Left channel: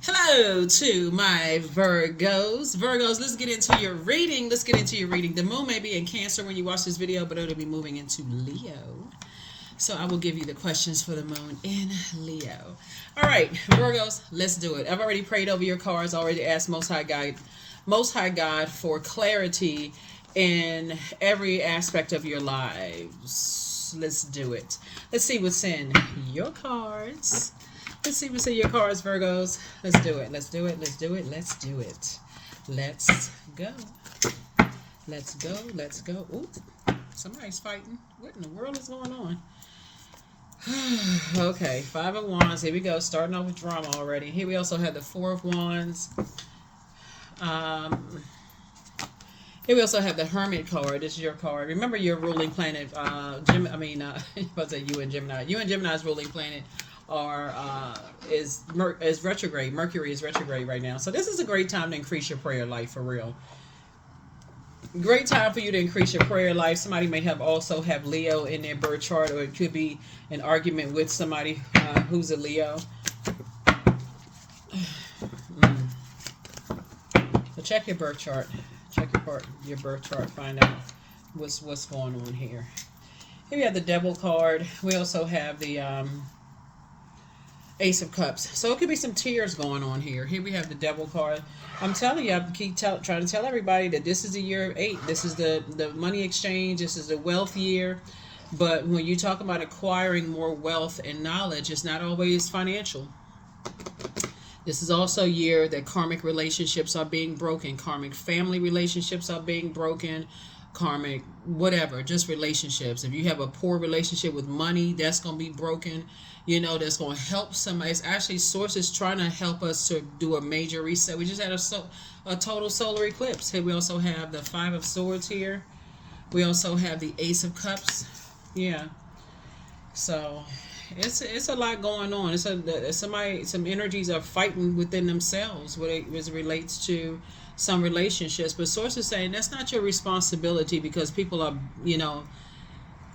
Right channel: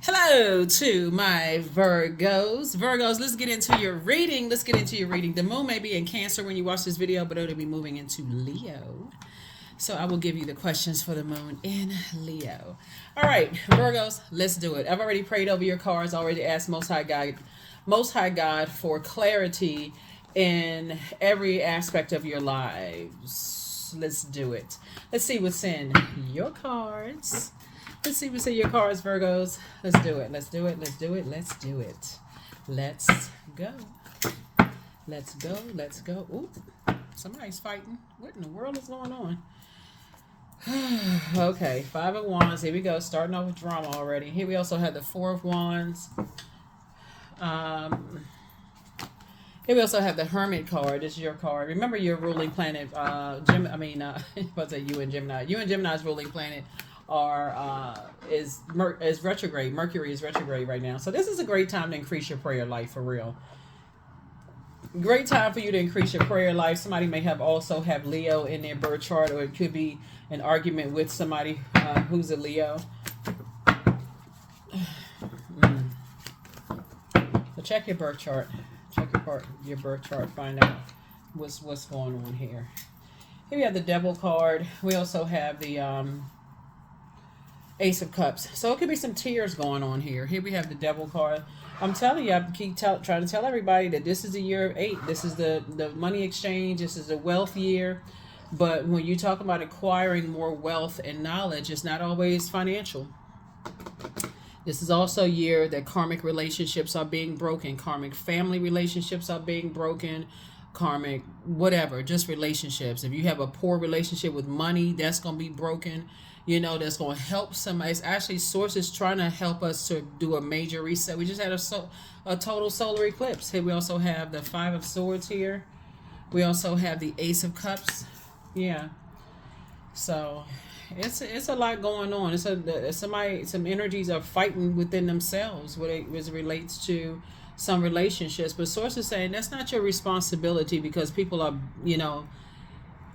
Hello to my Virgos. Virgos, let's get into your reading. The moon may be in Cancer when you watch this video, but it'll be moving into Leo. So I will give you the questions for the moon in Leo. All right, Virgos, let's do it. I've already prayed over your cards, already asked Most High God for clarity in every aspect of your lives. Let's do it. Let's see what's in your cards. Let's see what's in your cards, Virgos. Let's do it. Let's do it. Let's do it. Let's do it. Let's go. Let's go. Let's go. Ooh, somebody's fighting. What in the world is going on? Okay, Five of Wands. Here we go. Starting off with drama already. Here we also have the Four of Wands. Here we also have the Hermit card. This is your card. Remember your ruling planet. What's that? You and Gemini. You and Gemini's ruling planet is retrograde. Mercury is retrograde right now. So this is a great time to increase your prayer life for real. Great time for you to increase your prayer life. Somebody may also have Leo in their birth chart, or it could be an argument with somebody who's a Leo. So check your birth chart. Check your birth chart. Find out what's going on here. Here we have the Devil card. We also have the Ace of Cups. So it could be some tears going on here. Here we have the Devil card. I'm telling you, I keep trying to tell everybody that this is the year of 8. This is the money exchange. This is the wealth year. But when you talk about acquiring more wealth and knowledge, it's not always financial. This is also a year that karmic relationships are being broken. Karmic family relationships are being broken. Karmic whatever, just relationships. If you have a poor relationship with money, that's going to be broken. That's going to help somebody. It's actually sources trying to help us to do a major reset. We just had a total solar eclipse. Here we also have the Five of Swords here. We also have the Ace of Cups. Yeah. So it's a lot going on. Some energies are fighting within themselves when it relates to some relationships. But sources saying that's not your responsibility because people are,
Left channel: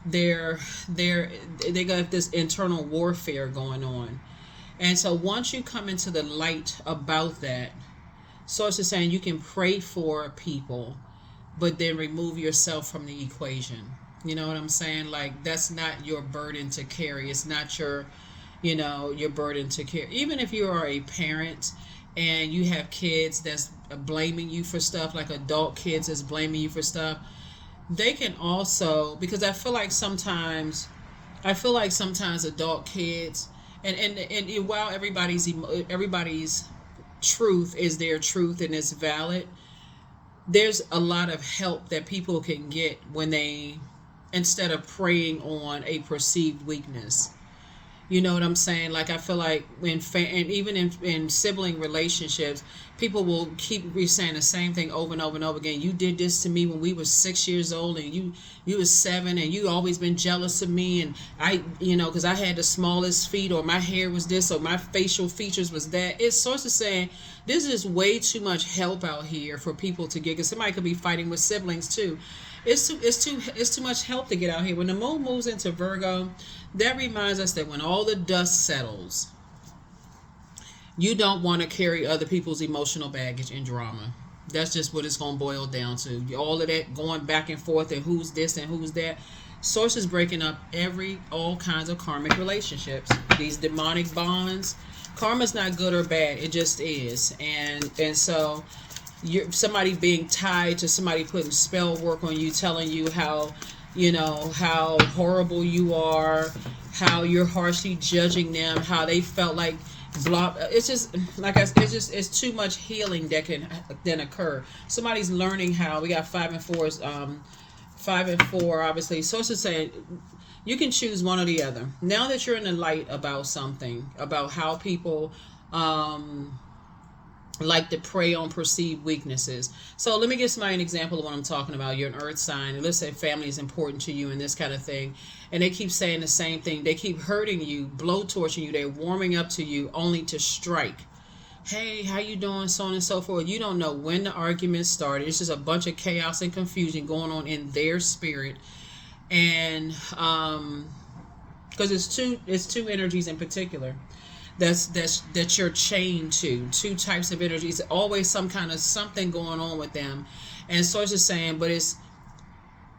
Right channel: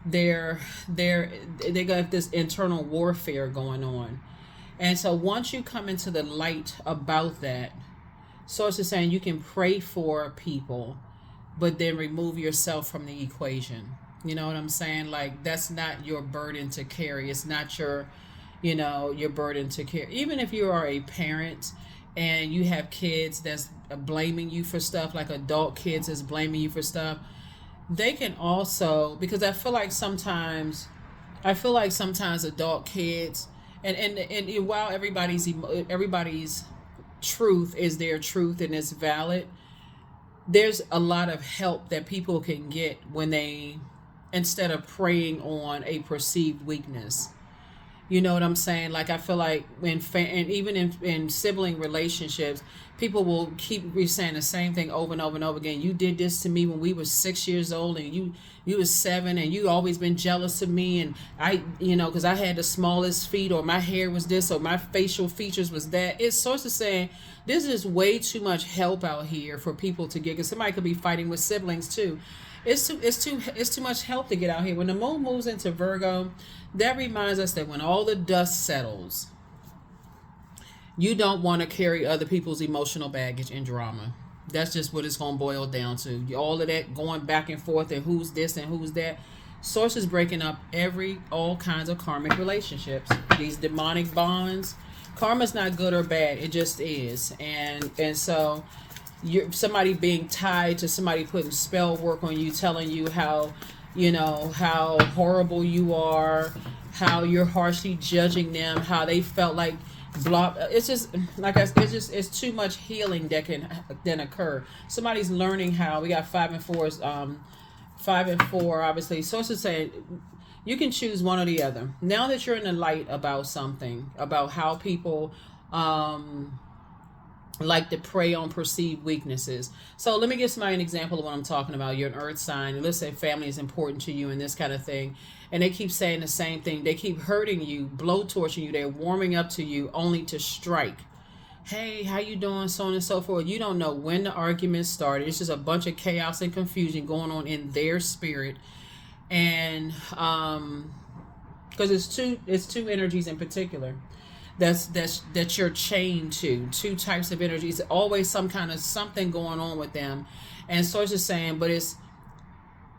they got this internal warfare going on. And so once you come into the light about that, sources saying you can pray for people, but then remove yourself from the equation. You know what I'm saying? Like, that's not your burden to carry. It's not your burden to carry. Even if you are a parent and you have kids that's blaming you for stuff, like adult kids that's blaming you for stuff, they can also, because I feel like sometimes adult kids, and while everybody's truth is their truth and it's valid, there's a lot of help that people can get when they, instead of preying on a perceived weakness. You know what I'm saying? Like, I feel like and even in sibling relationships, people will keep saying the same thing over and over and over again. You did this to me when we were 6 years old, and you was 7, and you always been jealous of me, and I, because I had the smallest feet, or my hair was this, or my facial features was that. It's sort of saying this is way too much help out here for people to get. Because somebody could be fighting with siblings too. It's too much help to get out here. When the moon moves into Virgo, that reminds us that when all the dust settles, you don't want to carry other people's emotional baggage and drama. That's just what it's going to boil down to. All of that going back and forth and who's this and who's that. Sources breaking up all kinds of karmic relationships. These demonic bonds. Karma's not good or bad. It just is. And so somebody being tied to somebody putting spell work on you, telling you how horrible you are, how you're harshly judging them, how they felt like blah. It's just like it's too much healing that can then occur. Somebody's learning how. We got 5 and 4s, 5 and 4 obviously. Sources saying you can choose one or the other. Now that you're in the light about something, about how people like to prey on perceived weaknesses. So let me give somebody an example of what I'm talking about. You're an earth sign, and let's say family is important to you and this kind of thing, and they keep saying the same thing. They keep hurting you, blowtorching you. They're warming up to you only to strike. Hey, how you doing? So on and so forth. You don't know when the argument started. It's just a bunch of chaos and confusion going on in their spirit. And because it's two energies in particular. that you're chained to. Two types of energies, always some kind of something going on with them. And Source is saying, but it's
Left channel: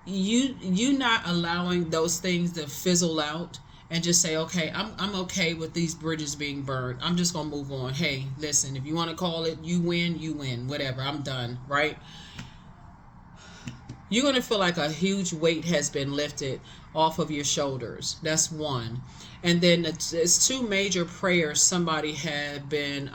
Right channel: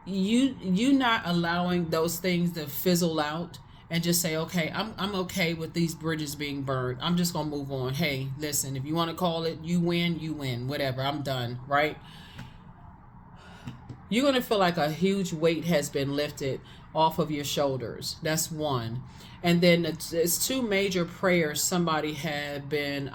you not allowing those things to fizzle out and just say, okay, I'm okay with these bridges being burned. I'm just gonna move on. Hey, listen, if you want to call it, you win, whatever. I'm done, right? You're gonna feel like a huge weight has been lifted off of your shoulders. That's one. And then it's two major prayers somebody's been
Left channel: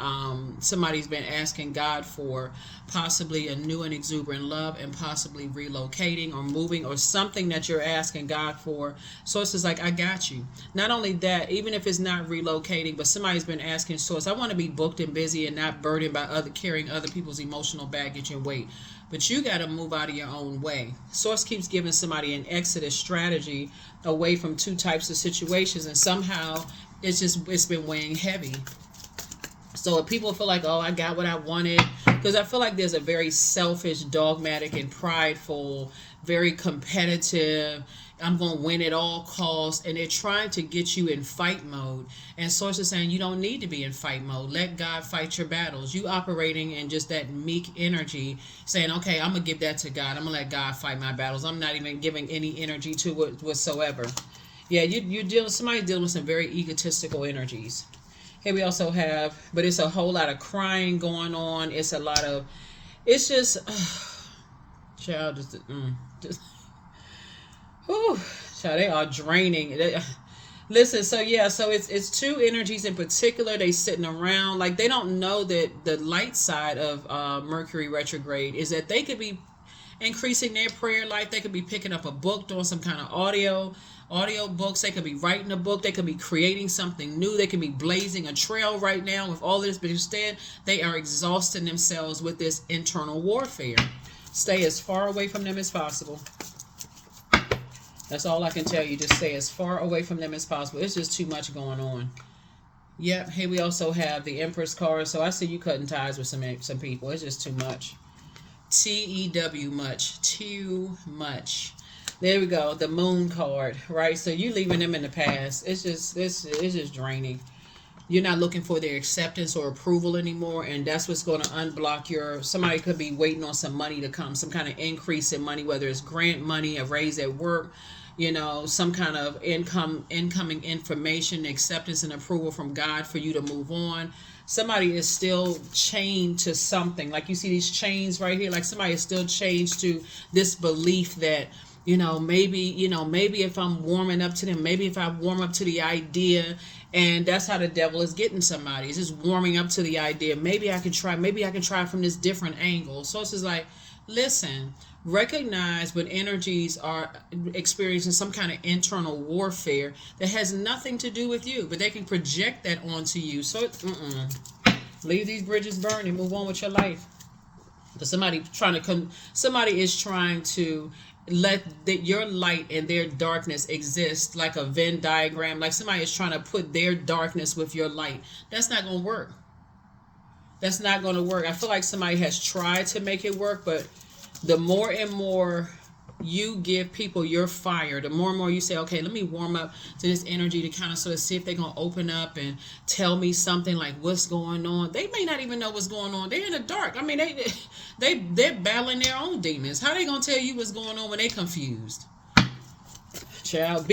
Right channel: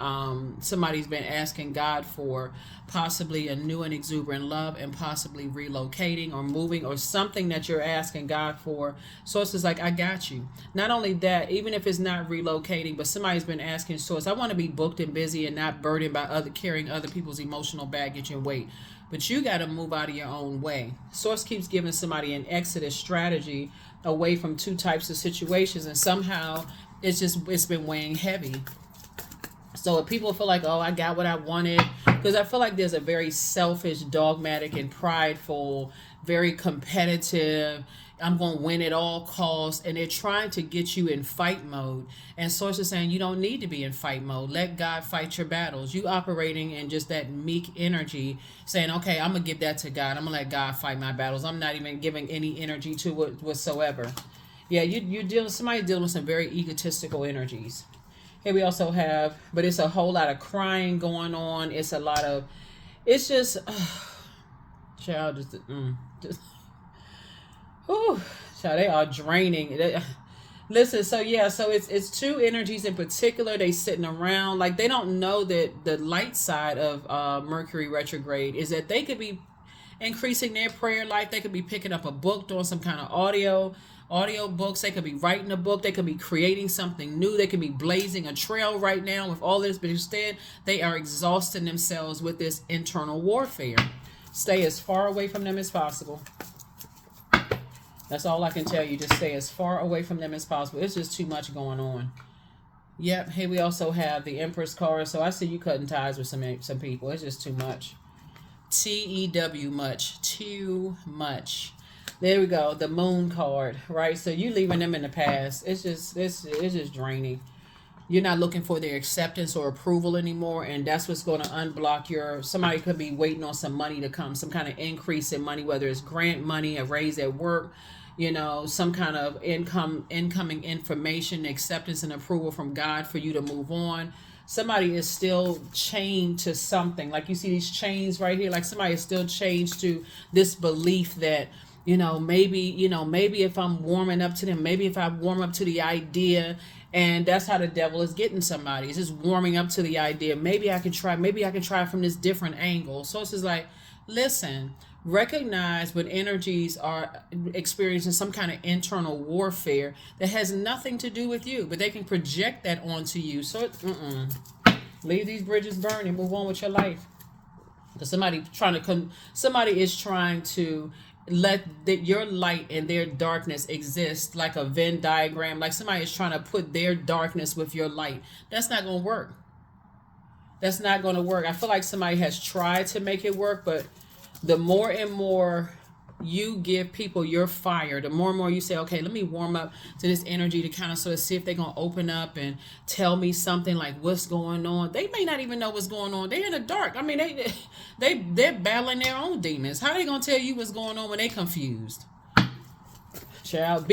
asking God for, possibly a new and exuberant love, and possibly relocating or moving or something that you're asking God for. Source is like, I got you. Not only that, even if it's not relocating, but somebody's been asking Source, I want to be booked and busy and not burdened by carrying other people's emotional baggage and weight. But you got to move out of your own way. Source keeps giving somebody an exodus strategy away from two types of situations, and somehow it's been weighing heavy. So if people feel like, oh, I got what I wanted, because I feel like there's a very selfish, dogmatic, and prideful, very competitive, I'm going to win at all costs, and they're trying to get you in fight mode. And Source is saying you don't need to be in fight mode. Let God fight your battles. You operating in just that meek energy, saying, okay, I'm going to give that to God. I'm going to let God fight my battles. I'm not even giving any energy to it whatsoever. Yeah, somebody dealing with some very egotistical energies. Here we also have, but it's a whole lot of crying going on. It's a lot of, it's just, child, whew, so they are draining. Listen, so it's two energies in particular. They sitting around like they don't know that the light side of Mercury retrograde is that they could be increasing their prayer life. They could be picking up a book, doing some kind of audio books. They could be writing a book. They could be creating something new. They could be blazing a trail right now with all this, but instead they are exhausting themselves with this internal warfare. Stay as far away from them as possible. That's all I can tell you. Just stay as far away from them as possible. It's just too much going on. Yep. Here we also have the Empress card. So I see you cutting ties with some people. It's just too much. TEW, much. Too much. There we go. The Moon card, right? So you leaving them in the past. It's just draining. You're not looking for their acceptance or approval anymore, and that's what's going to unblock somebody could be waiting on some money to come, some kind of increase in money, whether it's grant money, a raise at work, some kind of incoming information, acceptance and approval from God for you to move on. Somebody is still chained to something. Like you see these chains right here, like somebody is still chained to this belief that, maybe if I'm warming up to them, maybe if I warm up to the idea. And that's how the devil is getting somebody. It's just warming up to the idea. Maybe I can try from this different angle. So it's just like, listen, recognize when energies are experiencing some kind of internal warfare that has nothing to do with you, but they can project that onto you. So leave these bridges burn and move on with your life. Because somebody is trying to let your light and their darkness exist like a Venn diagram. Like somebody is trying to put their darkness with your light. That's not going to work. That's not going to work. I feel like somebody has tried to make it work, but the more and more you give people your fire, the more and more you say, okay, let me warm up to this energy to kind of sort of see if they're going to open up and tell me something like what's going on. They may not even know what's going on. They're in the dark. I mean, they're battling their own demons. How are they going to tell you what's going on when they're confused? Child,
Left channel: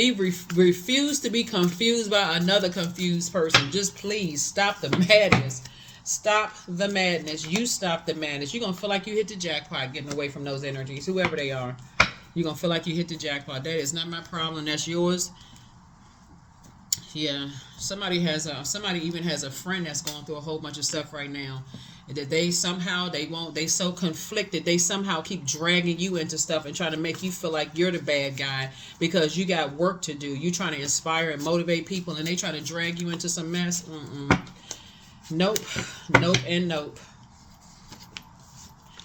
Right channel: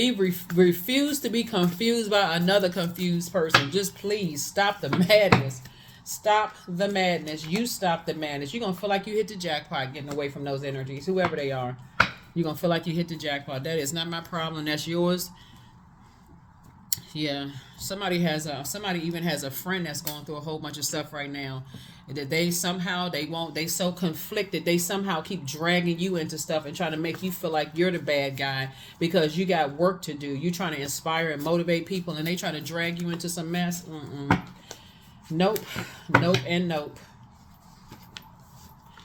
refuse to be confused by another confused person. Just please stop the madness. Stop the madness. You stop the madness. You're going to feel like you hit the jackpot getting away from those energies, whoever they are. You're going to feel like you hit the jackpot. That is not my problem. That's yours. Yeah. Somebody even has a friend that's going through a whole bunch of stuff right now. That they so conflicted. They somehow keep dragging you into stuff and trying to make you feel like you're the bad guy because you got work to do. You trying to inspire and motivate people and they try to drag you into some mess. Nope, and nope.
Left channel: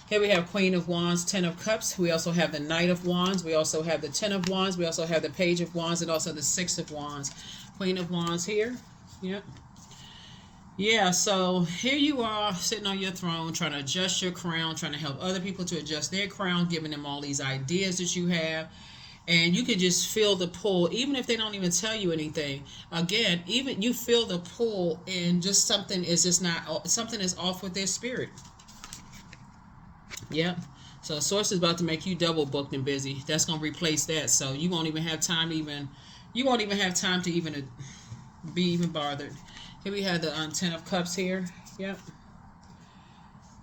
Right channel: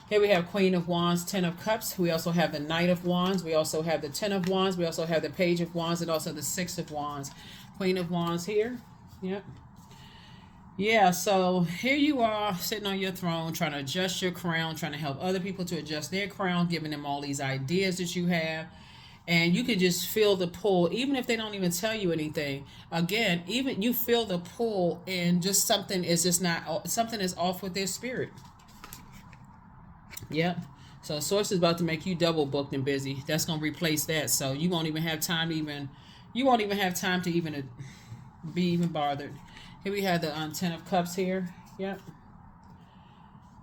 Here we have Queen of Wands, Ten of Cups. We also have the Knight of Wands. We also have the Ten of Wands. We also have the Page of Wands and also the Six of Wands. Queen of Wands here. Yep. Yeah, so here you are sitting on your throne trying to adjust your crown, trying to help other people to adjust their crown, giving them all these ideas that you have. And you can just feel the pull, even if they don't even tell you anything. Again, even you feel the pull, and just something is just not, something is off with their spirit. Yep. So source is about to make you double booked and busy. That's gonna replace that. So you won't even have time to even, you won't even have time to even be even bothered. Here we have the Ten of Cups here. Yep.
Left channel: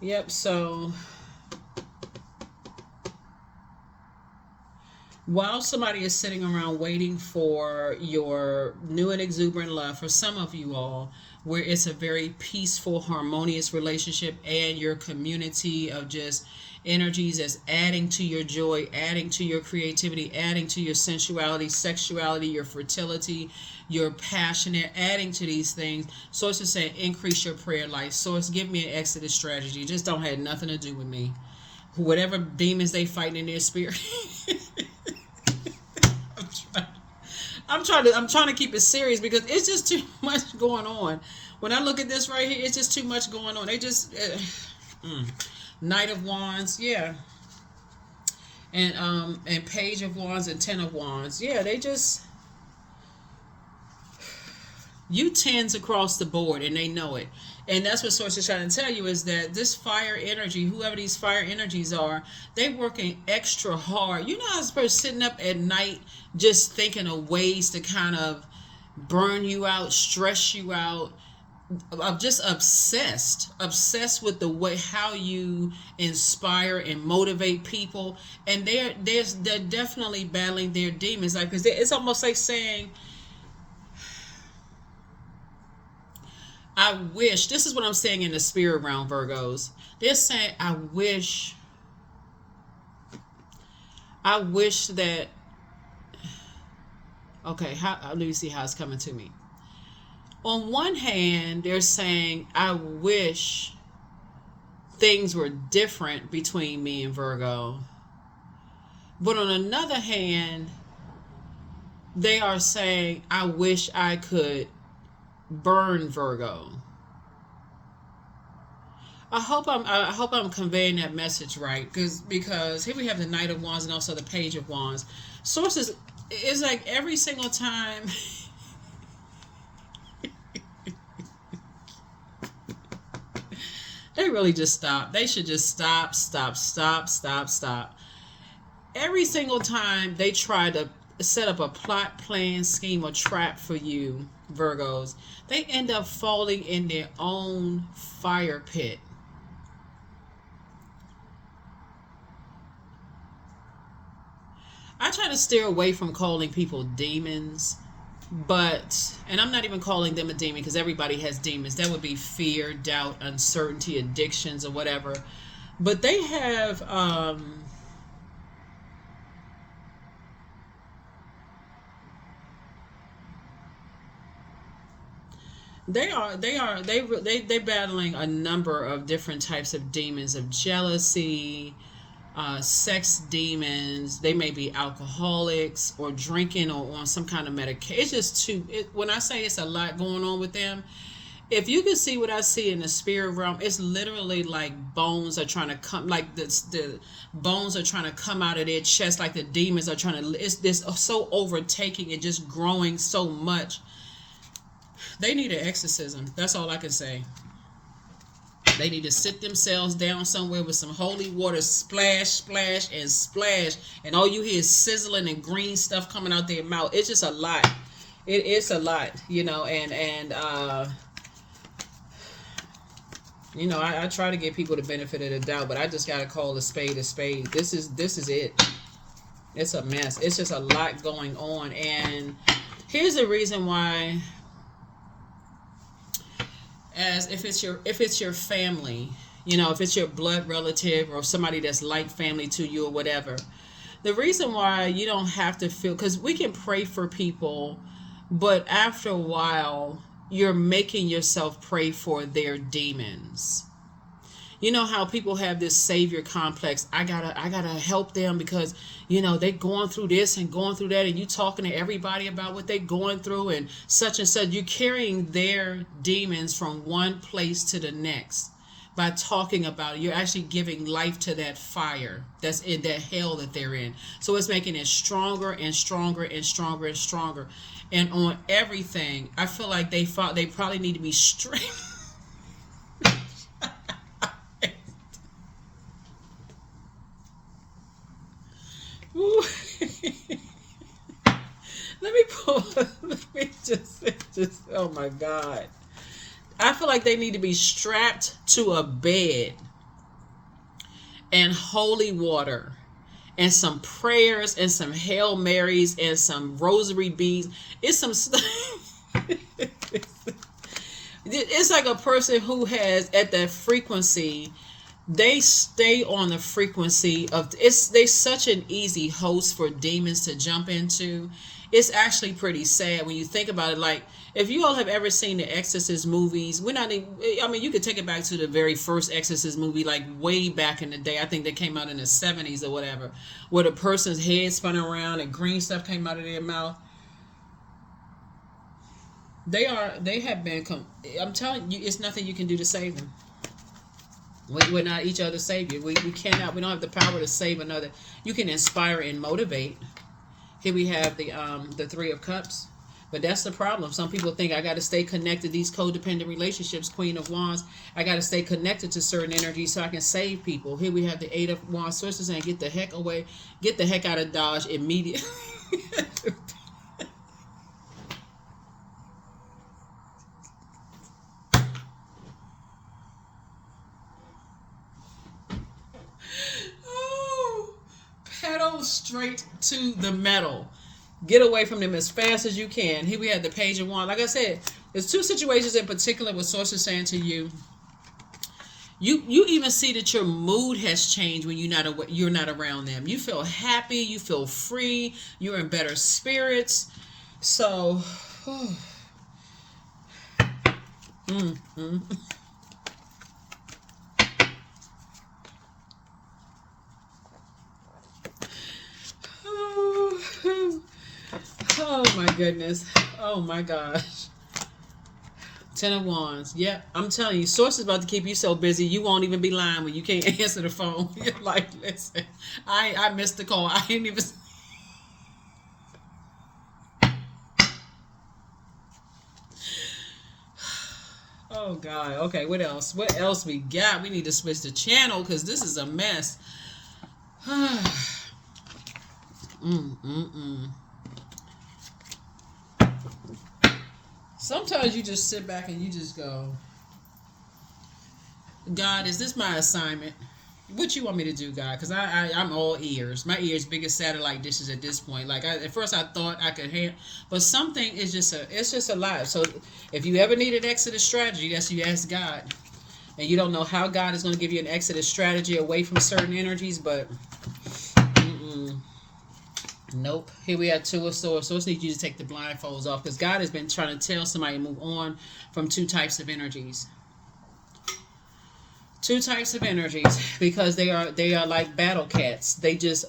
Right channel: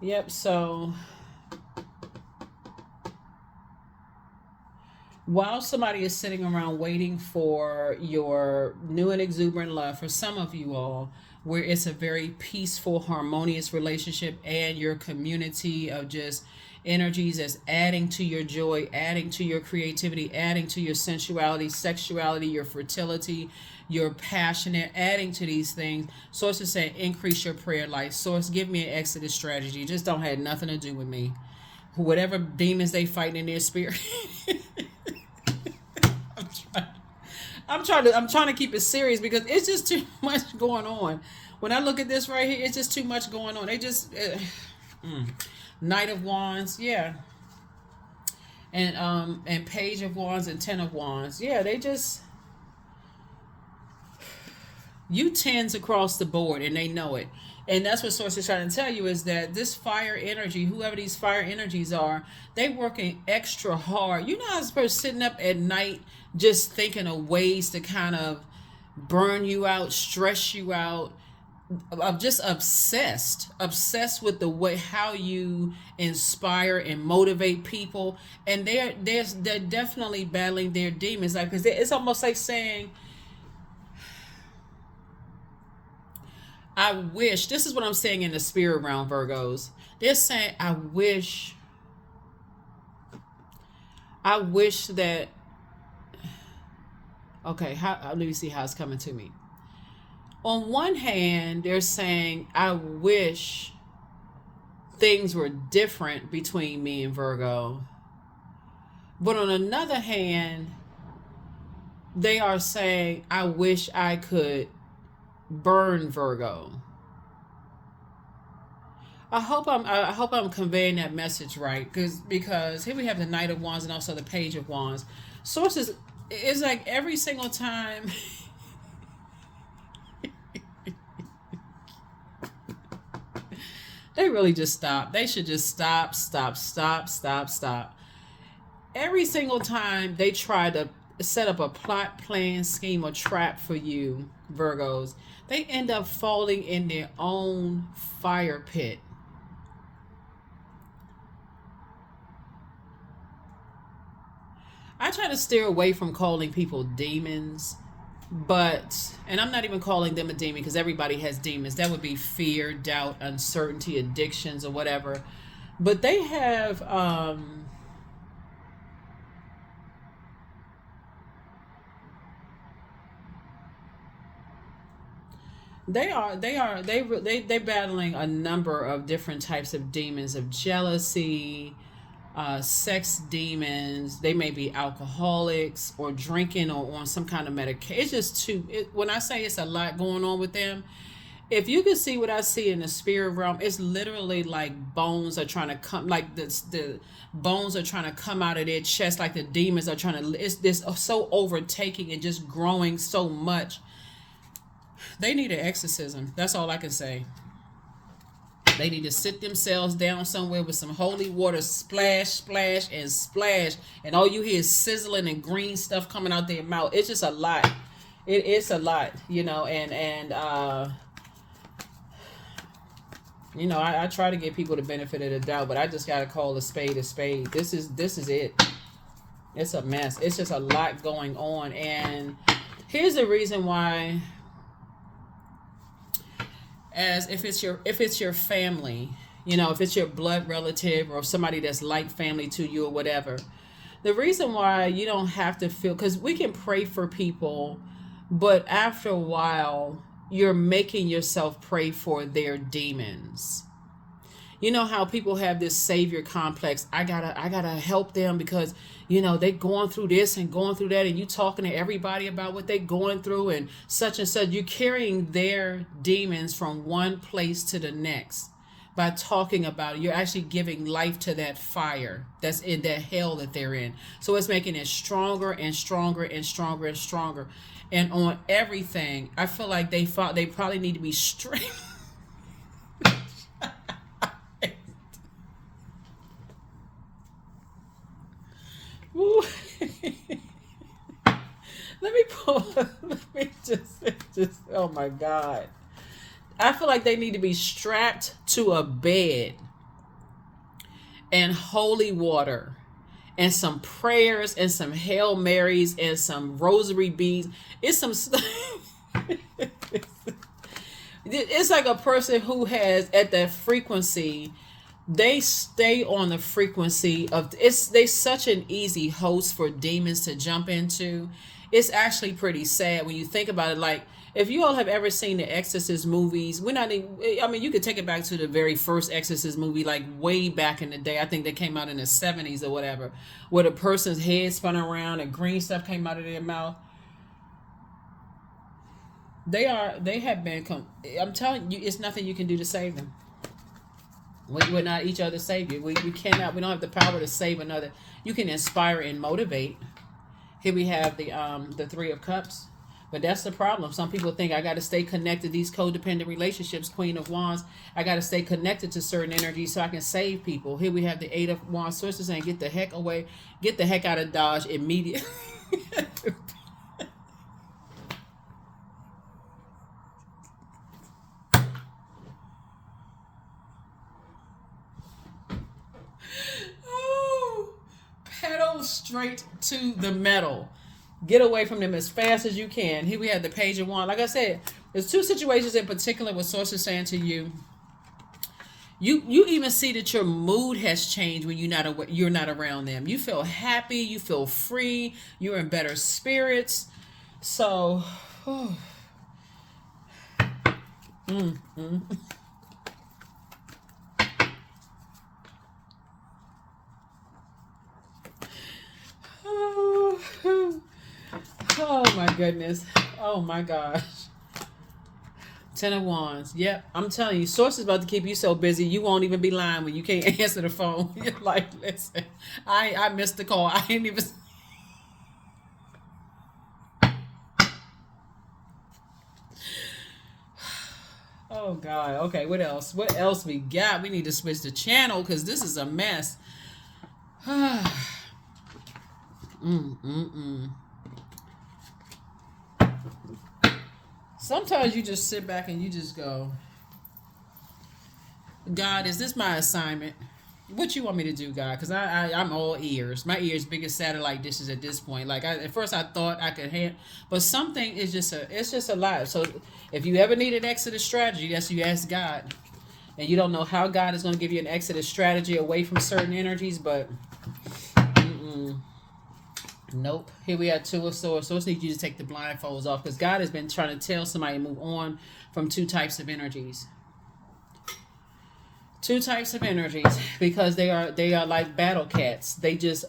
Yep. So while somebody is sitting around waiting for your new and exuberant love, for some of you all, where it's a very peaceful, harmonious relationship, and your community of just energies that's adding to your joy, adding to your creativity, adding to your sensuality, sexuality, your fertility, your passionate, adding to these things. Source is saying increase your prayer life. Source, give me an exodus strategy. Just don't have nothing to do with me. Whatever demons they fighting in their spirit. I'm trying to keep it serious because it's just too much going on. When I look at this right here, it's just too much going on. They just Knight of Wands, yeah, and Page of Wands and Ten of Wands, yeah. They just, you tens across the board, and they know it. And that's what Source is trying to tell you, is that this fire energy, whoever these fire energies are, they working extra hard. You know how this person sitting up at night just thinking of ways to kind of burn you out, stress you out. I'm just obsessed with the way how you inspire and motivate people. And they're definitely battling their demons. Like, because it's almost like saying, I wish, this is what I'm saying in the spirit realm, Virgos. They're saying, I wish that, okay, let me see how it's coming to me. On one hand, they're saying, I wish things were different between me and Virgo. But on another hand, they are saying, I wish I could burn Virgo. I hope I'm conveying that message right, because here we have the Knight of Wands and also the Page of Wands. Sources is like every single time. They really just stop. They should just stop. Every single time they try to set up a plot, plan, scheme, or trap for you, Virgos, they end up falling in their own fire pit. I try to steer away from calling people demons, and I'm not even calling them a demon, because everybody has demons. That would be fear, doubt, uncertainty, addictions, or whatever. But they have they're battling a number of different types of demons, of jealousy, sex demons. They may be alcoholics or drinking or on some kind of medication. It's just when I say it's a lot going on with them, if you can see what I see in the spirit realm, it's literally like bones are trying to come, like the bones are trying to come out of their chest, like the demons are trying to, it's this so overtaking and just growing so much. They need an exorcism. That's all I can say. They need to sit themselves down somewhere with some holy water, splash, splash, and splash, and all you hear is sizzling and green stuff coming out their mouth. It's just a lot. It is a lot, and I try to give people the benefit of the doubt, but I just gotta call a spade a spade. This is it. It's a mess. It's just a lot going on, and here's the reason why. As if it's your family, if it's your blood relative or somebody that's like family to you or whatever, the reason why you don't have to feel, because we can pray for people, but after a while you're making yourself pray for their demons. You know how people have this savior complex. I gotta help them because they going through this and going through that, and you talking to everybody about what they going through and such. You're carrying their demons from one place to the next. by talking about it. You're actually giving life to that fire that's in that hell that they're in. So it's making it stronger and stronger and stronger and stronger. And on everything, I feel like they probably need to be straight. Let me pull. Let me just. Oh my God! I feel like they need to be strapped to a bed and holy water and some prayers and some Hail Marys and some rosary beads. It's some stuff. It's like a person who has at that frequency. They stay on the frequency of it's. They such an easy host for demons to jump into. It's actually pretty sad when you think about it. Like, if you all have ever seen the Exorcist movies, we're not even, I mean, you could take it back to the very first Exorcist movie, like way back in the day. I think they came out in the 70s or whatever, where the person's head spun around and green stuff came out of their mouth. They have been, I'm telling you, it's nothing you can do to save them. We're not each other's savior. We cannot, we don't have the power to save another. You can inspire and motivate. Here we have the Three of Cups. But that's the problem. Some people think I got to stay connected. These codependent relationships, Queen of Wands, I got to stay connected to certain energies so I can save people. Here we have the Eight of Wands. Sources saying, get the heck away. Get the heck out of Dodge immediately. Oh, pedal straight to the metal. Get away from them as fast as you can. Here we have the Page of Wands. Like I said, there's two situations in particular with sources saying to you, you even see that your mood has changed when you're not around them. You feel happy, you feel free, you're in better spirits. So, oh my goodness. Oh my gosh. Ten of Wands. Yep. I'm telling you, source is about to keep you so busy you won't even be lying when you can't answer the phone. You're like, listen, I missed the call. I ain't even. Oh God. Okay, what else? What else we got? We need to switch the channel because this is a mess. Sometimes you just sit back and you just go, God, is this my assignment? What you want me to do, God? Because I'm all ears. My ears big as satellite dishes at this point. Like at first I thought I could handle, but something is just a lot. So if you ever need an exit strategy, that's you ask God, and you don't know how God is going to give you an exit strategy away from certain energies, but nope. Here we have Two of Swords. So it's need you to take the blindfolds off because God has been trying to tell somebody to move on from two types of energies. Two types of energies because they are like battle cats. They just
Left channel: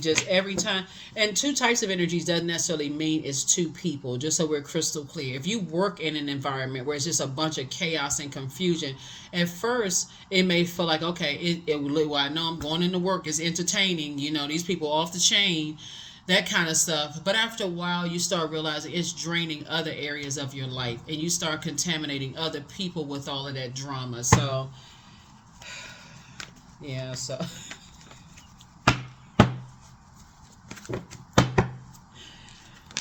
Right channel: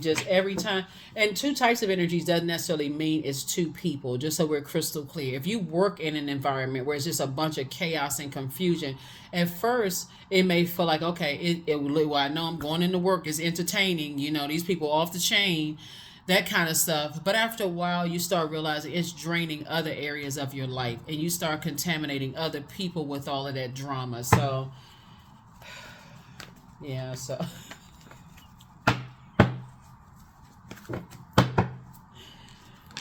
just every time. And two types of energies doesn't necessarily mean it's two people, just so we're crystal clear. If you work in an environment where it's just a bunch of chaos and confusion, at first it may feel like, okay, well, I know I'm going into work, it's entertaining, these people off the chain, that kind of stuff. But after a while, you start realizing it's draining other areas of your life, and you start contaminating other people with all of that drama. So yeah, so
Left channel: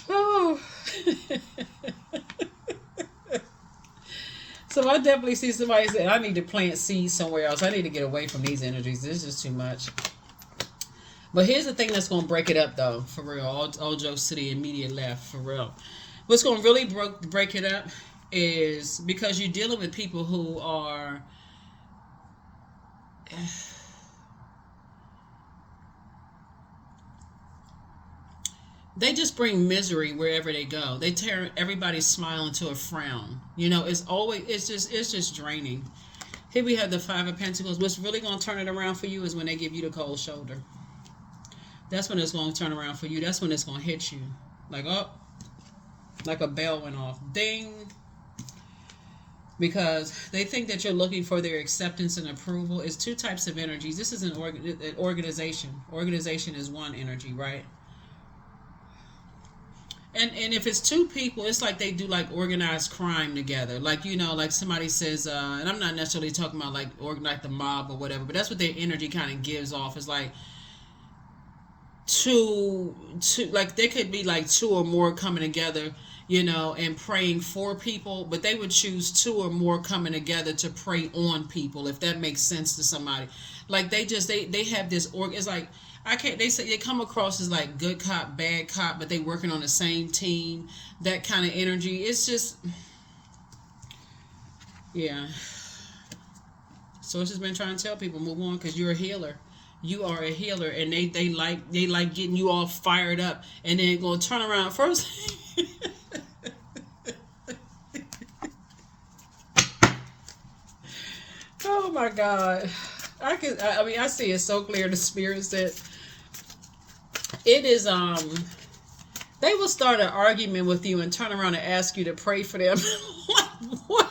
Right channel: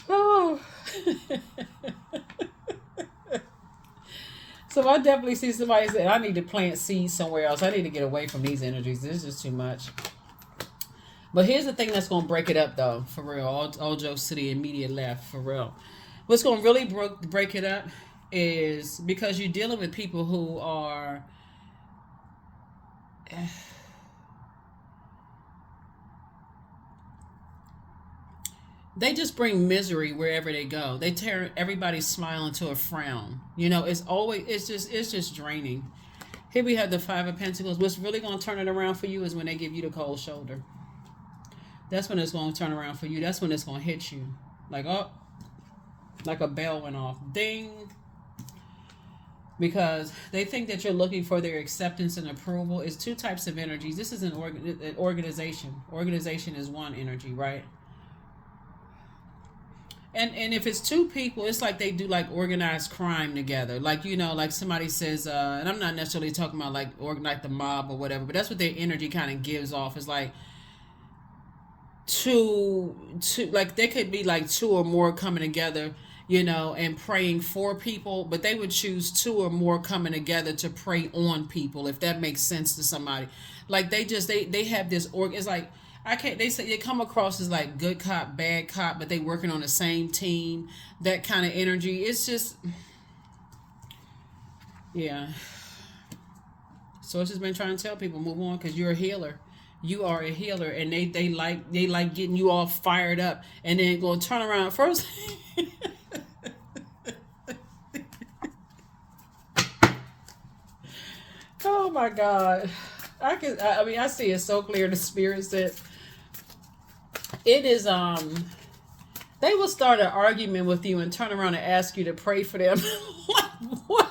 oh. So I definitely see somebody say, I need to plant seeds somewhere else. I need to get away from these energies. This is just too much. But here's the thing that's going to break it up, though, for real. All jokes to the immediate left, for real. What's going to really break it up is because you're dealing with people who are... They just bring misery wherever they go. They turn everybody's smile into a frown. It's just draining. Here we have the Five of Pentacles. What's really going to turn it around for you is when they give you the cold shoulder. That's when it's going to turn around for you. That's when it's going to hit you. Like a bell went off. Ding. because they think that you're looking for their acceptance and approval. It's two types of energies. This is an organization. Organization is one energy, right? And if it's two people, it's like they do like organized crime together. Like, you know, like somebody says, and I'm not necessarily talking about like the mob or whatever, but that's what their energy kind of gives off. It's like two, like there could be like two or more coming together, you know, and praying for people, but they would choose two or more coming together to pray on people, if that makes sense to somebody. Like they have this it's like, I can't, they say they come across as like good cop, bad cop, but they working on the same team, that kind of energy. It's just, yeah. So it's just been trying to tell people, move on, because you're a healer. You are a healer, and they like getting you all fired up, and then go turn around first. Oh my God, I mean, I see it so clear. The spirit said it is they will start an argument with you and turn around and ask you to pray for them. What?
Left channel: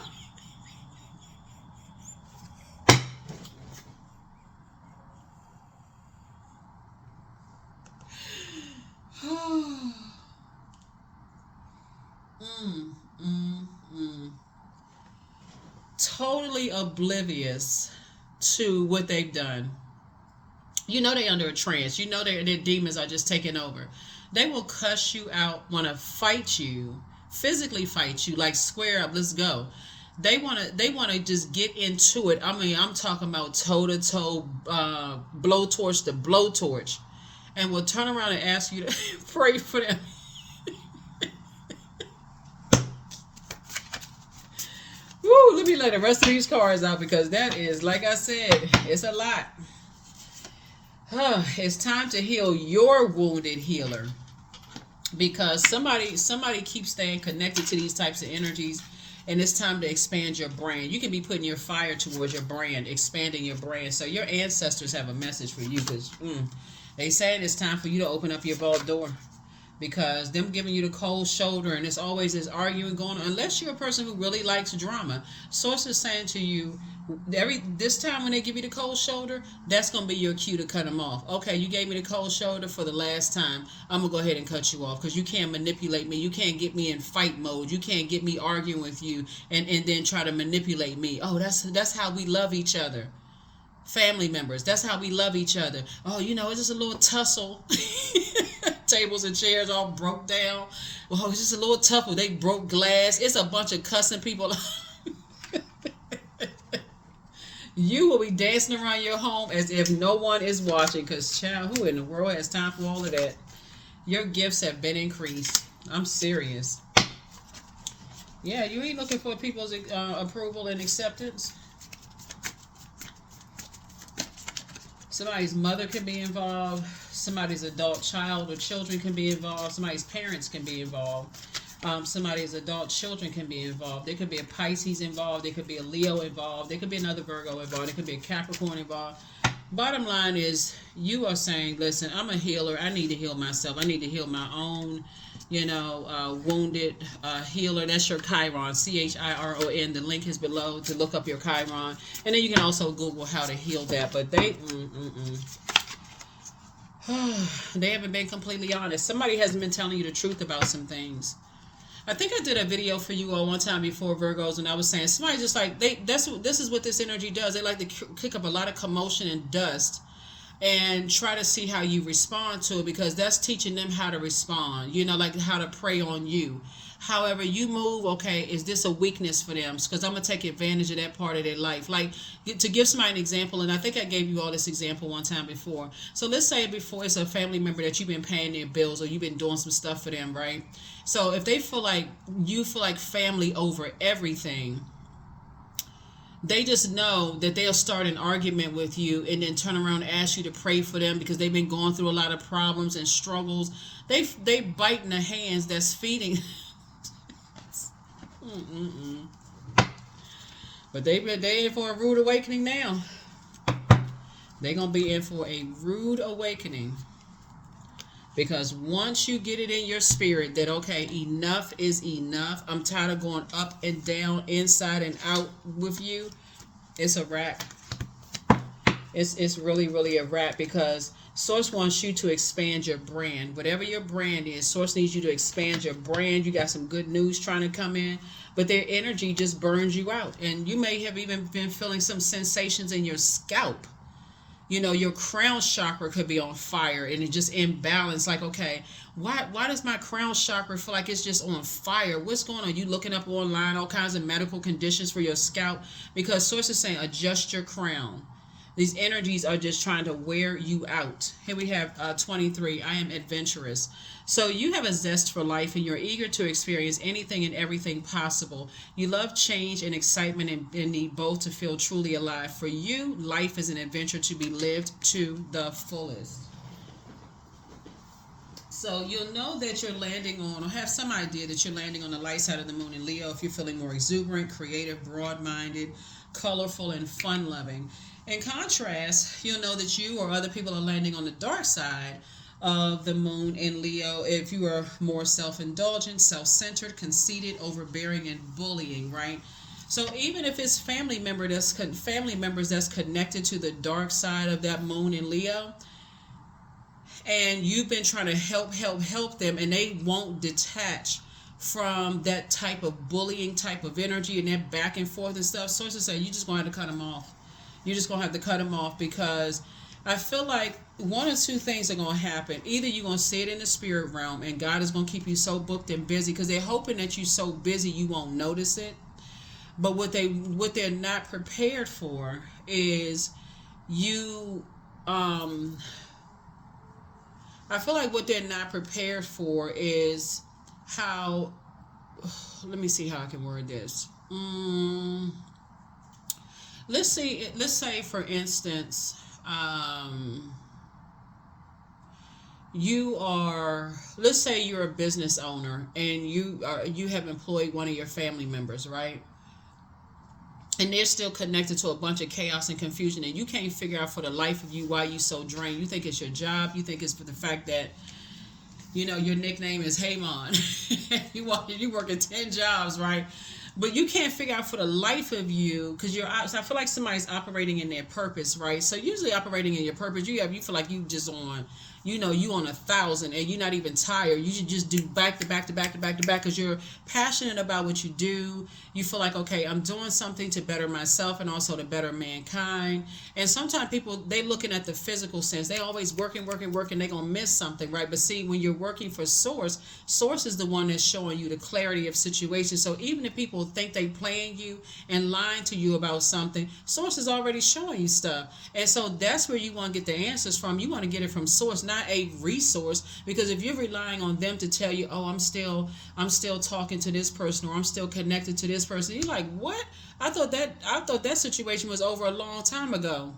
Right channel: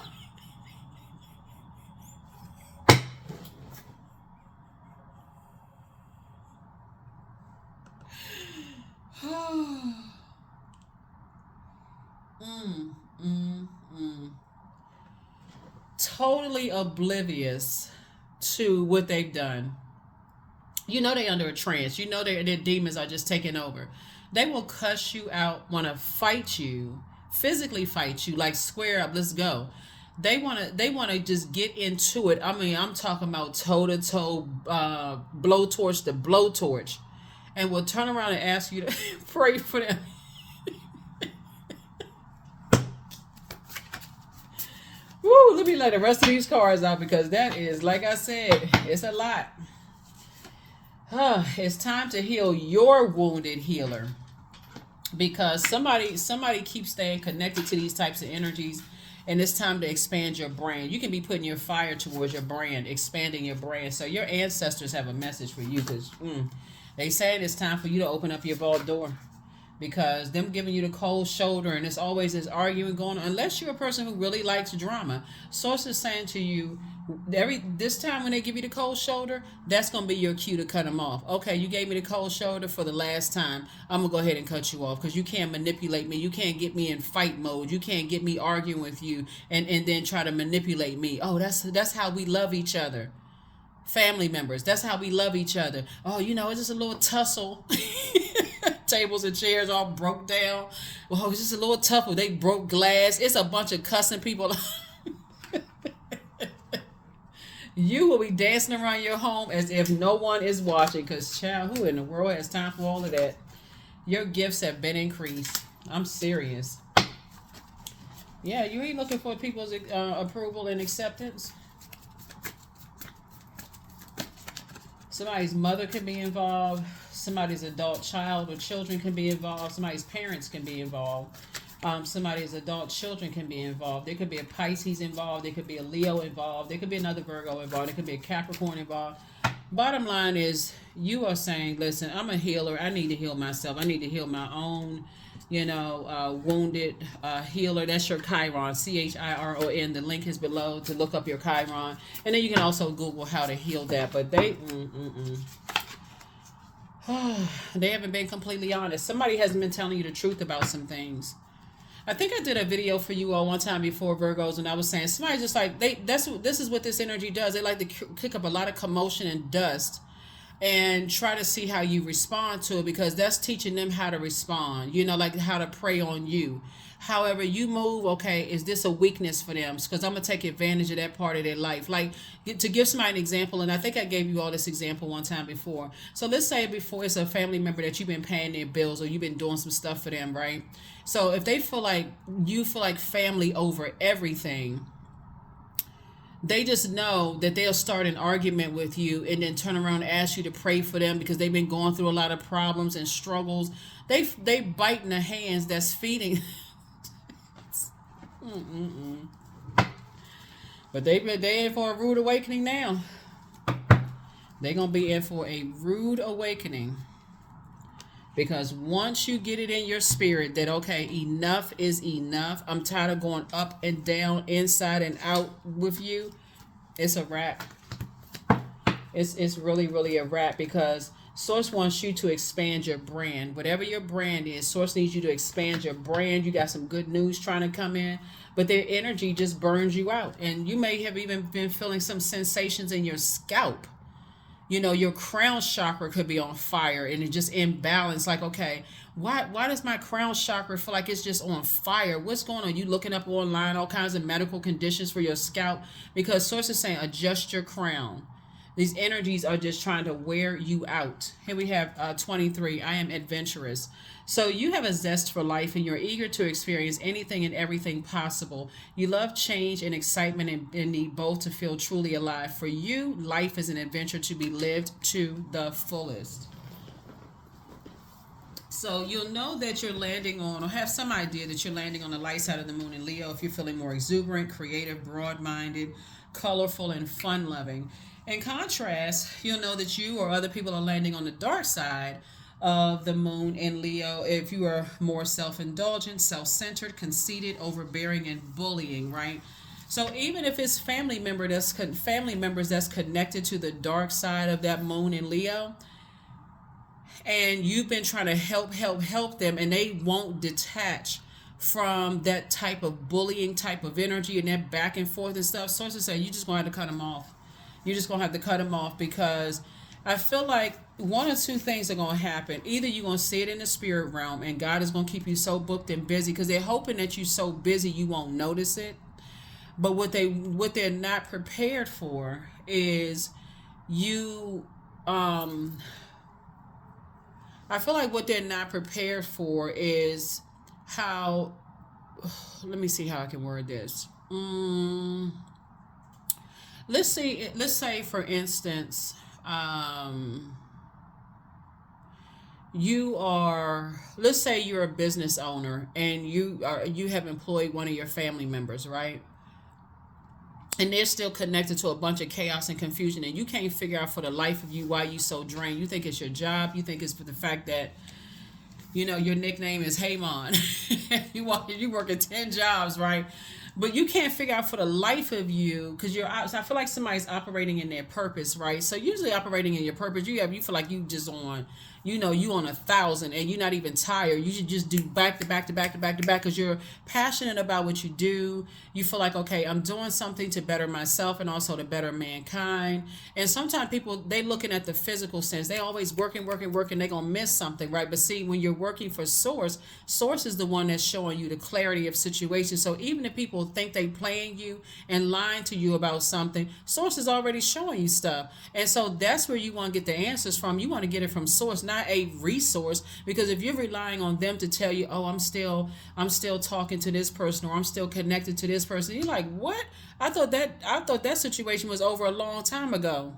mm, mm, mm. Totally oblivious to what they've done. You know they under a trance. You know their demons are just taking over. They will cuss you out, want to fight you, physically fight you, like square up, let's go. They wanna just get into it. I mean, I'm talking about toe to toe, blowtorch to blowtorch, and will turn around and ask you to pray for them. Woo, let me let the rest of these cards out, because that is, like I said, it's a lot. It's time to heal your wounded healer, because somebody keeps staying connected to these types of energies, and it's time to expand your brand. You can be putting your fire towards your brand, expanding your brand. So your ancestors have a message for you, because they saying it's time for you to open up your vault door, because them giving you the cold shoulder, and it's always this arguing going on, unless you're a person who really likes drama. Source is saying to you, this time when they give you the cold shoulder, that's going to be your cue to cut them off. Okay, you gave me the cold shoulder for the last time. I'm going to go ahead and cut you off, because you can't manipulate me. You can't get me in fight mode. You can't get me arguing with you and then try to manipulate me. Oh, that's how we love each other. Family members, that's how we love each other. Oh, you know, it's just a little tussle. Tables and chairs all broke down. Well, it's just a little tussle. They broke glass. It's a bunch of cussing people. You will be dancing around your home as if no one is watching, because, child, who in the world has time for all of that? Your gifts have been increased. I'm serious. Yeah, you ain't looking for people's approval and acceptance. Somebody's mother can be involved. Somebody's adult child or children can be involved. Somebody's parents can be involved. Somebody's adult children can be involved. There could be a Pisces involved. There could be a Leo involved. There could be another Virgo involved. There could be a Capricorn involved. Bottom line is, you are saying, listen, I'm a healer. I need to heal myself. I need to heal my own, wounded healer. That's your Chiron, Chiron. The link is below to look up your Chiron. And then you can also Google how to heal that. But they haven't been completely honest. Somebody hasn't been telling you the truth about some things. I think I did a video for you all one time before, Virgos, and I was saying somebody just like this is what this energy does. They like to kick up a lot of commotion and dust and try to see how you respond to it, because that's teaching them how to respond, like how to prey on you. However you move, okay, is this a weakness for them? Because I'm going to take advantage of that part of their life. Like, to give somebody an example, and I think I gave you all this example one time before. So let's say before it's a family member that you've been paying their bills, or you've been doing some stuff for them, right? So if they feel like you feel like family over everything, they just know that they'll start an argument with you and then turn around and ask you to pray for them, because they've been going through a lot of problems and struggles. They biting the hands that's feeding. But they in for a rude awakening now. They're going to be in for a rude awakening. Because once you get it in your spirit that, okay, enough is enough, I'm tired of going up and down, inside and out with you, it's a wrap. It's really, really a wrap, because Source wants you to expand your brand. Whatever your brand is, Source needs you to expand your brand. You got some good news trying to come in, but their energy just burns you out. And you may have even been feeling some sensations in your scalp. You know, your crown chakra could be on fire and it just imbalanced. Like, okay, why does my crown chakra feel like it's just on fire? What's going on? You looking up online all kinds of medical conditions for your scalp, because Source is saying adjust your crown. These energies are just trying to wear you out. Here we have 23. I am adventurous. So you have a zest for life and you're eager to experience anything and everything possible. You love change and excitement and need both to feel truly alive. For you, life is an adventure to be lived to the fullest. So you'll know that you're landing on, or have some idea that you're landing on the light side of the moon in Leo if you're feeling more exuberant, creative, broad-minded, colorful, and fun-loving. In contrast, you'll know that you or other people are landing on the dark side of the moon in Leo if you are more self-indulgent, self-centered, conceited, overbearing, and bullying, right? So even if it's family members that's connected to the dark side of that moon in Leo, and you've been trying to help them, and they won't detach from that type of bullying type of energy and that back and forth and stuff, Sources say you just going to have to cut them off. You're just going to have to cut them off, because I feel like one or two things are going to happen. Either you're going to see it in the spirit realm and God is going to keep you so booked and busy, because they're hoping that you're so busy you won't notice it. But what they're not prepared for is you. I feel like what they're not prepared for is how. Let me see how I can word this. Let's say for instance, let's say you're a business owner and you have employed one of your family members, right? And they're still connected to a bunch of chaos and confusion, and you can't figure out for the life of you why you so drained. You think it's your job. You think it's for the fact that, your nickname is Haymon. you working 10 jobs, right? But you can't figure out for the life of you, because I feel like somebody's operating in their purpose, right? So usually operating in your purpose, you feel like you just on, you on 1,000 and you're not even tired. You should just do back to back to back to back to back, because you're passionate about what you do. You feel like, okay, I'm doing something to better myself and also to better mankind. And sometimes people, they looking at the physical sense. They always working. They're going to miss something, right? But see, when you're working for Source is the one that's showing you the clarity of situations. So even if people think they playing you and lying to you about something, Source is already showing you stuff. And so that's where you want to get the answers from. You want to get it from Source, not a resource, because if you're relying on them to tell you, oh, I'm still talking to this person, or I'm still connected to this person, you're like, what? I thought that situation was over a long time ago.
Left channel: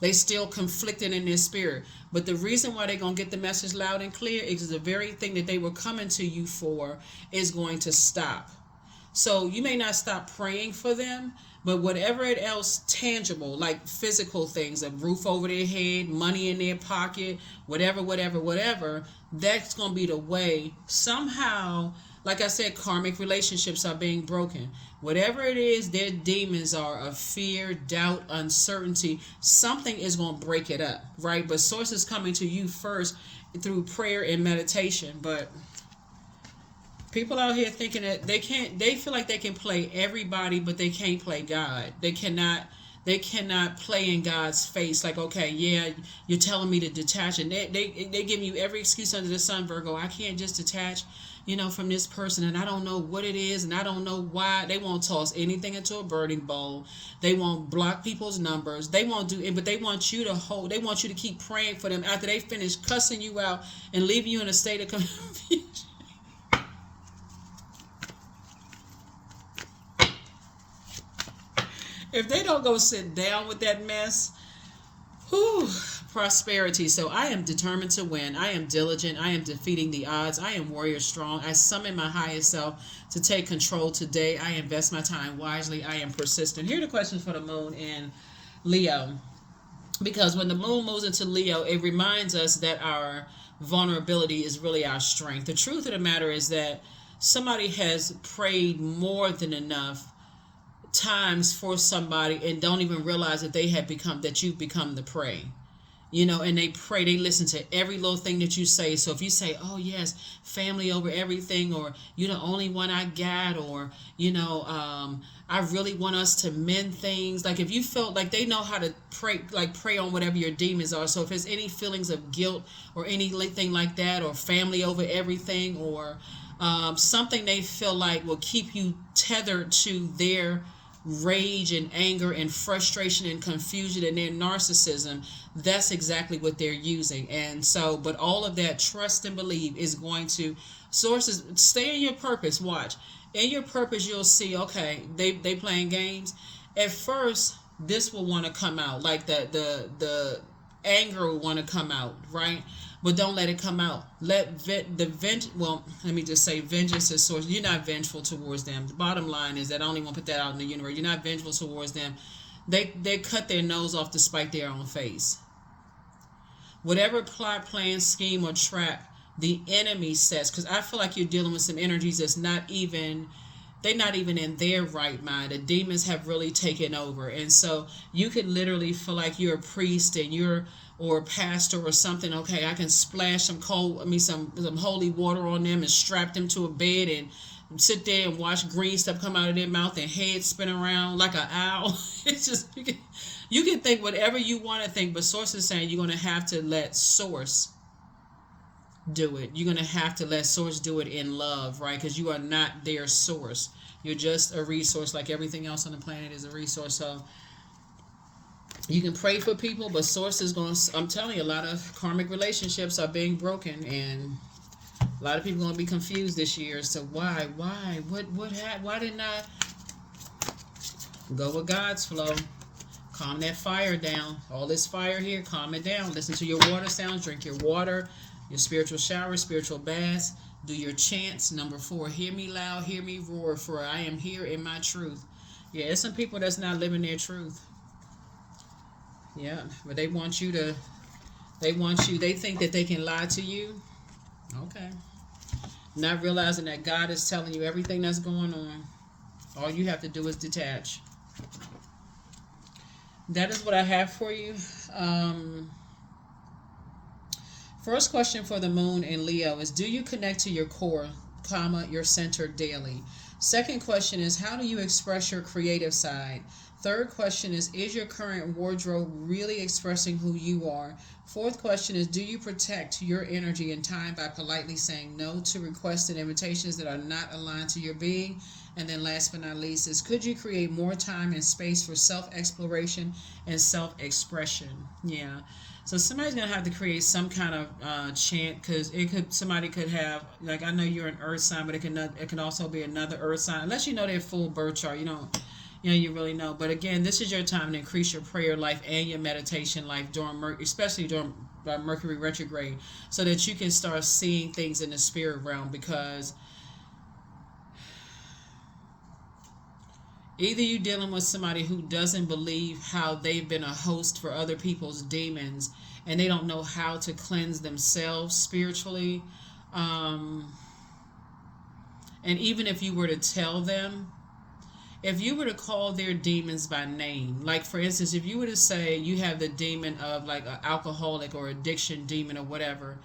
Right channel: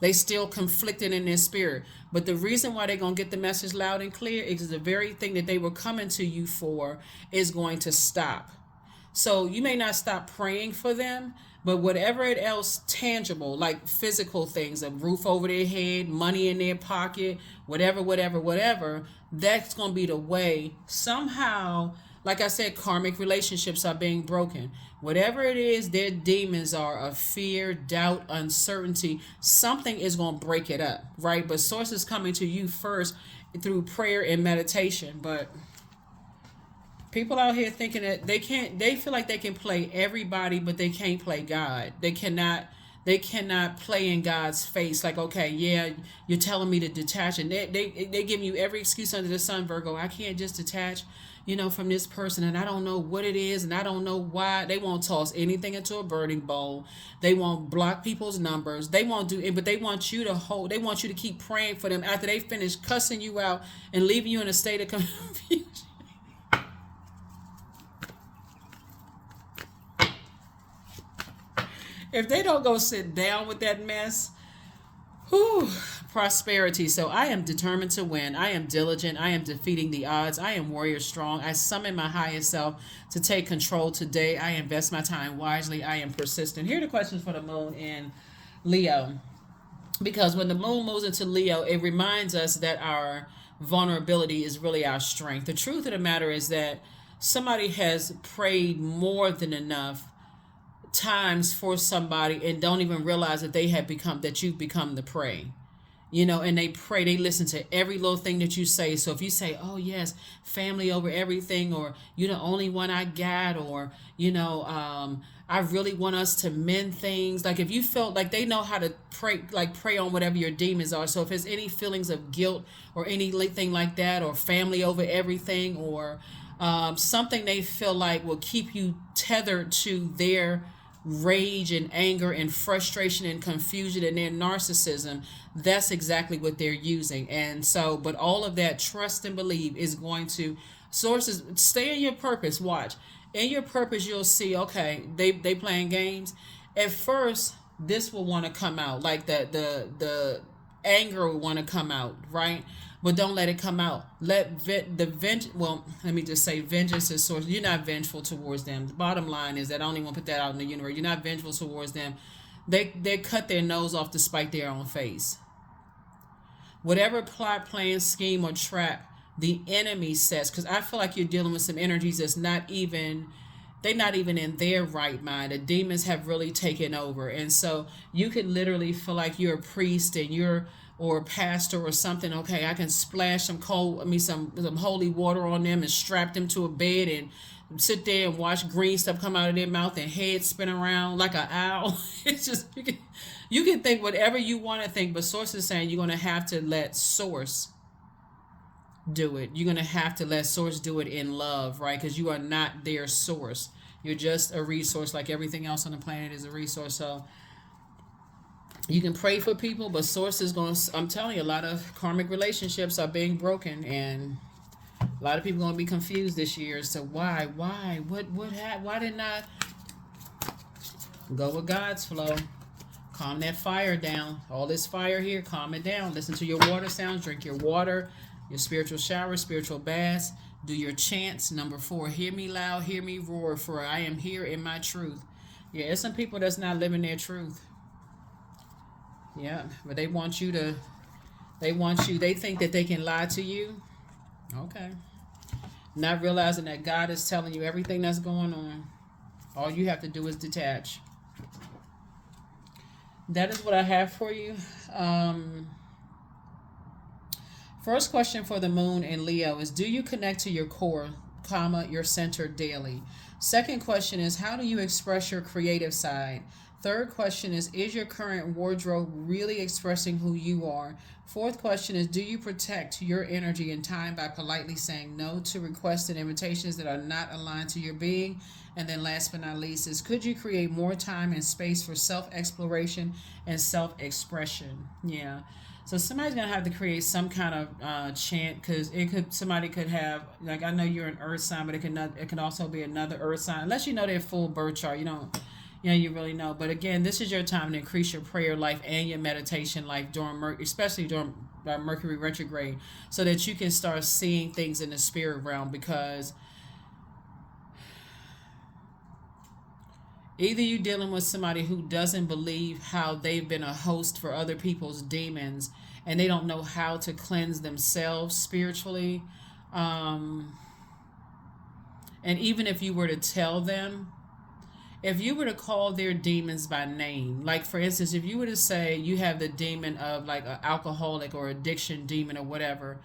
They still conflicted in their spirit. But the reason why they're going to get the message loud and clear is the very thing that they were coming to you for is going to stop. So you may not stop praying for them, but whatever it else tangible, like physical things, a roof over their head, money in their pocket, whatever, that's going to be the way. Somehow, like I said, karmic relationships are being broken. Whatever it is, their demons are of fear, doubt, uncertainty. Something is going to break it up, right? But Source is coming to you first through prayer and meditation. But people out here thinking that they feel like they can play everybody, but they can't play God. They cannot play in God's face. Like, okay, yeah, you're telling me to detach, and they give you every excuse under the sun, Virgo. I can't just detach, from this person, and I don't know what it is, and I don't know why. They won't toss anything into a burning bowl. They won't block people's numbers. They won't do it, but they want you to keep praying for them after they finish cussing you out and leaving you in a state of confusion. If they don't go sit down with that mess, prosperity. So I am determined to win. I am diligent. I am defeating the odds. I am warrior strong. I summon my highest self to take control today. I invest my time wisely. I am persistent. Here are the questions for the moon in Leo. Because when the moon moves into Leo, it reminds us that our vulnerability is really our strength. The truth of the matter is that somebody has prayed more than enough times for somebody and don't even realize that they have become, that you've become the prey. You know, and they pray, they listen to every little thing that you say. So if you say, oh yes, family over everything, or you're the only one I got, or I really want us to mend things. Like if you felt like they know how to pray, like pray on whatever your demons are. So if there's any feelings of guilt or anything like that, or family over everything, or something they feel like will keep you tethered to their rage and anger and frustration and confusion and their narcissism, that's exactly what they're using. And so, but all of that, trust and believe, is going to, sources, stay in your purpose. Watch, in your purpose, you'll see, okay, they playing games. At first, this will want to come out, like the anger will want to come out, right? But don't let it come out. Let well, let me just say, vengeance is source. You're not vengeful towards them. The bottom line is that I don't even want to put that out in the universe. You're not vengeful towards them. They cut their nose off to spite their own face. Whatever plot, plan, scheme, or trap the enemy sets, because I feel like you're dealing with some energies that's not even, they're not even in their right mind. The demons have really taken over. And so you could literally feel like you're a priest and you're, or a pastor or something. Okay, I can splash some some holy water on them and strap them to a bed and sit there and watch green stuff come out of their mouth and head spin around like an owl. It's just, you can think whatever you want to think, but source is saying you're going to have to let source do it. You're going to have to let source do it in love, right? Because you are not their source. You're just a resource, like everything else on the planet is a resource. So you can pray for people, but source is going to, I'm telling you, a lot of karmic relationships are being broken, and a lot of people are going to be confused this year as to why, why didn't I go with God's flow? Calm that fire down. All this fire here, calm it down. Listen to your water sounds, drink your water, your spiritual shower, spiritual baths, do your chants. Number 4, hear me loud, hear me roar, for I am here in my truth. Yeah, there's some people that's not living their truth. Yeah, but they want you, they think that they can lie to you. Okay. Not realizing that God is telling you everything that's going on. All you have to do is detach. That is what I have for you. First question for the moon in Leo is, do you connect to your core, your center daily? Second question is, how do you express your creative side? Third question is your current wardrobe really expressing who you are? Fourth question is, do you protect your energy and time by politely saying no to requests and invitations that are not aligned to your being? And then last but not least is, could you create more time and space for self-exploration and self-expression? Yeah. So somebody's going to have to create some kind of chant, because somebody could have, like, I know you're an earth sign, but it can also be another earth sign. Unless you know their full birth chart, you really know. But again, this is your time to increase your prayer life and your meditation life especially during Mercury retrograde, so that you can start seeing things in the spirit realm. Because either you're dealing with somebody who doesn't believe how they've been a host for other people's demons, and they don't know how to cleanse themselves spiritually. And even if you were to tell them, if you were to call their demons by name, like for instance, if you were to say you have the demon of like an alcoholic or addiction demon or whatever,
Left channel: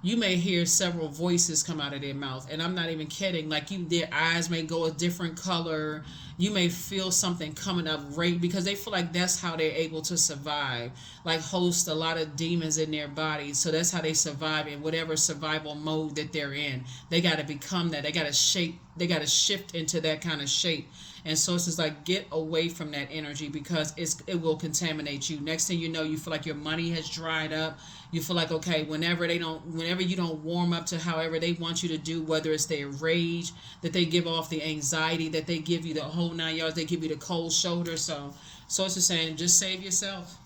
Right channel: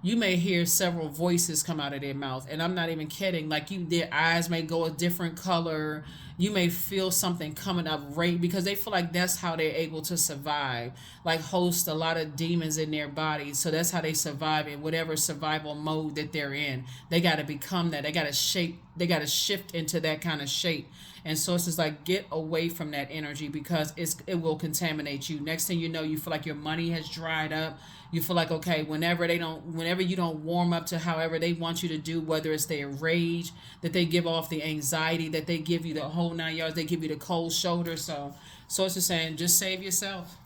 you may hear several voices come out of their mouth. And I'm not even kidding. Like their eyes may go a different color. You may feel something coming up right, because they feel like that's how they're able to survive, like host a lot of demons in their bodies. So that's how they survive in whatever survival mode that they're in. They got to become that. They got to shift into that kind of shape. And so it's like, get away from that energy, because it will contaminate you. Next thing you know, you feel like your money has dried up. You feel like, okay, whenever you don't warm up to however they want you to do, whether it's their rage, that they give off, the anxiety, that they give you the whole 9 yards, they give you the cold shoulder. So it's just saying, just save yourself,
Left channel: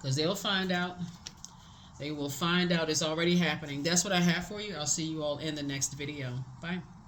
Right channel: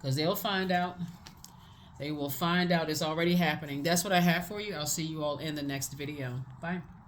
because they'll find out. They will find out. It's already happening. That's what I have for you. I'll see you all in the next video. Bye.